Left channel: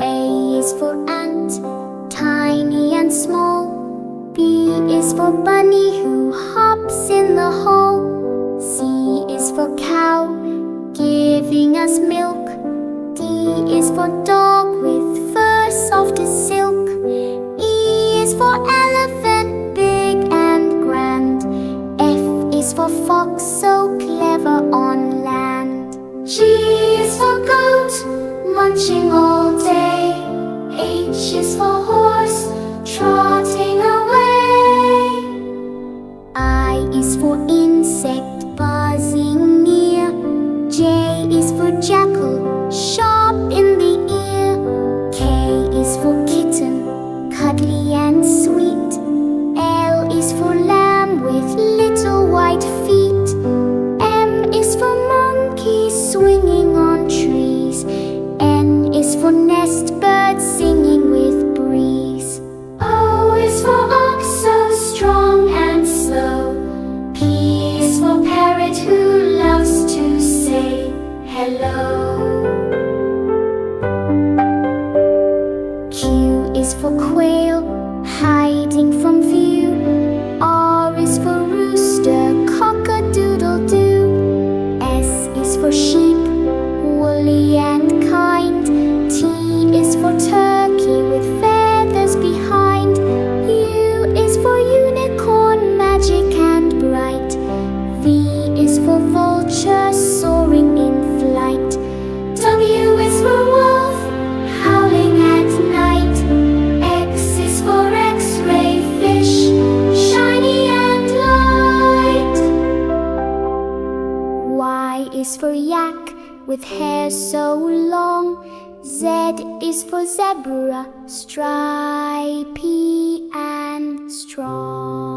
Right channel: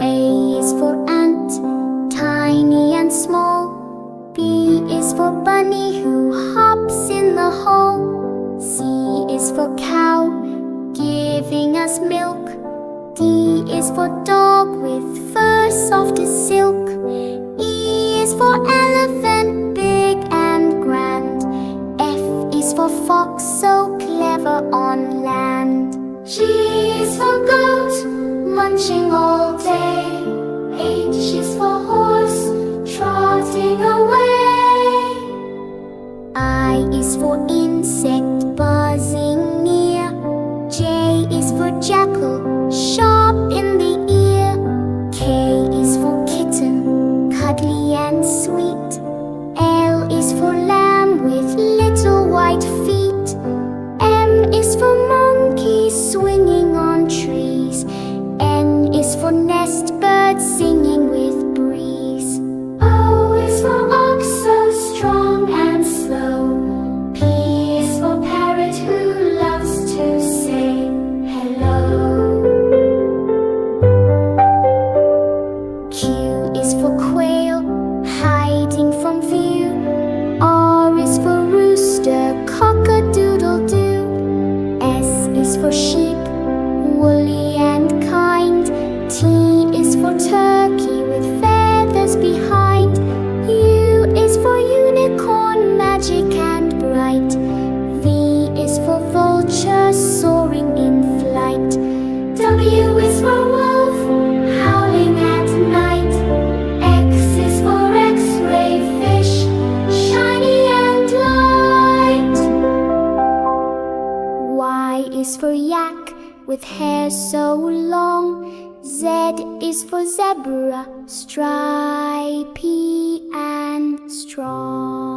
A is for ant, tiny and small. B is for bunny who hops in the hall. C is for cow, giving us milk. D is for dog with fur soft as silk. E is for elephant, big and grand. F is for fox, so clever on land. G is for goat, munching all day. H is for horse, trotting away. I is for insect, buzzing near. J is for jackal, sharp in the ear. K is for kitten, cuddly and sweet. L is for lamb with little white feet. M is for monkey, swinging on trees. N is for nest bird, singing with breeze. O is for ox, so strong and slow. P is for parrot who loves to say hello. Q is for quail, hiding from view. R is for rooster, cock-a-doodle-doo. S is for sheep, woolly and kind. T is for turkey with feathers behind. U is for unicorn, magic and bright. V is for vulture, soaring in flight. W is for wolf, howling at night. X is for X-ray fish, shiny and light. Y is for yak, with hair so long. Z is for zebra, stripy and strong.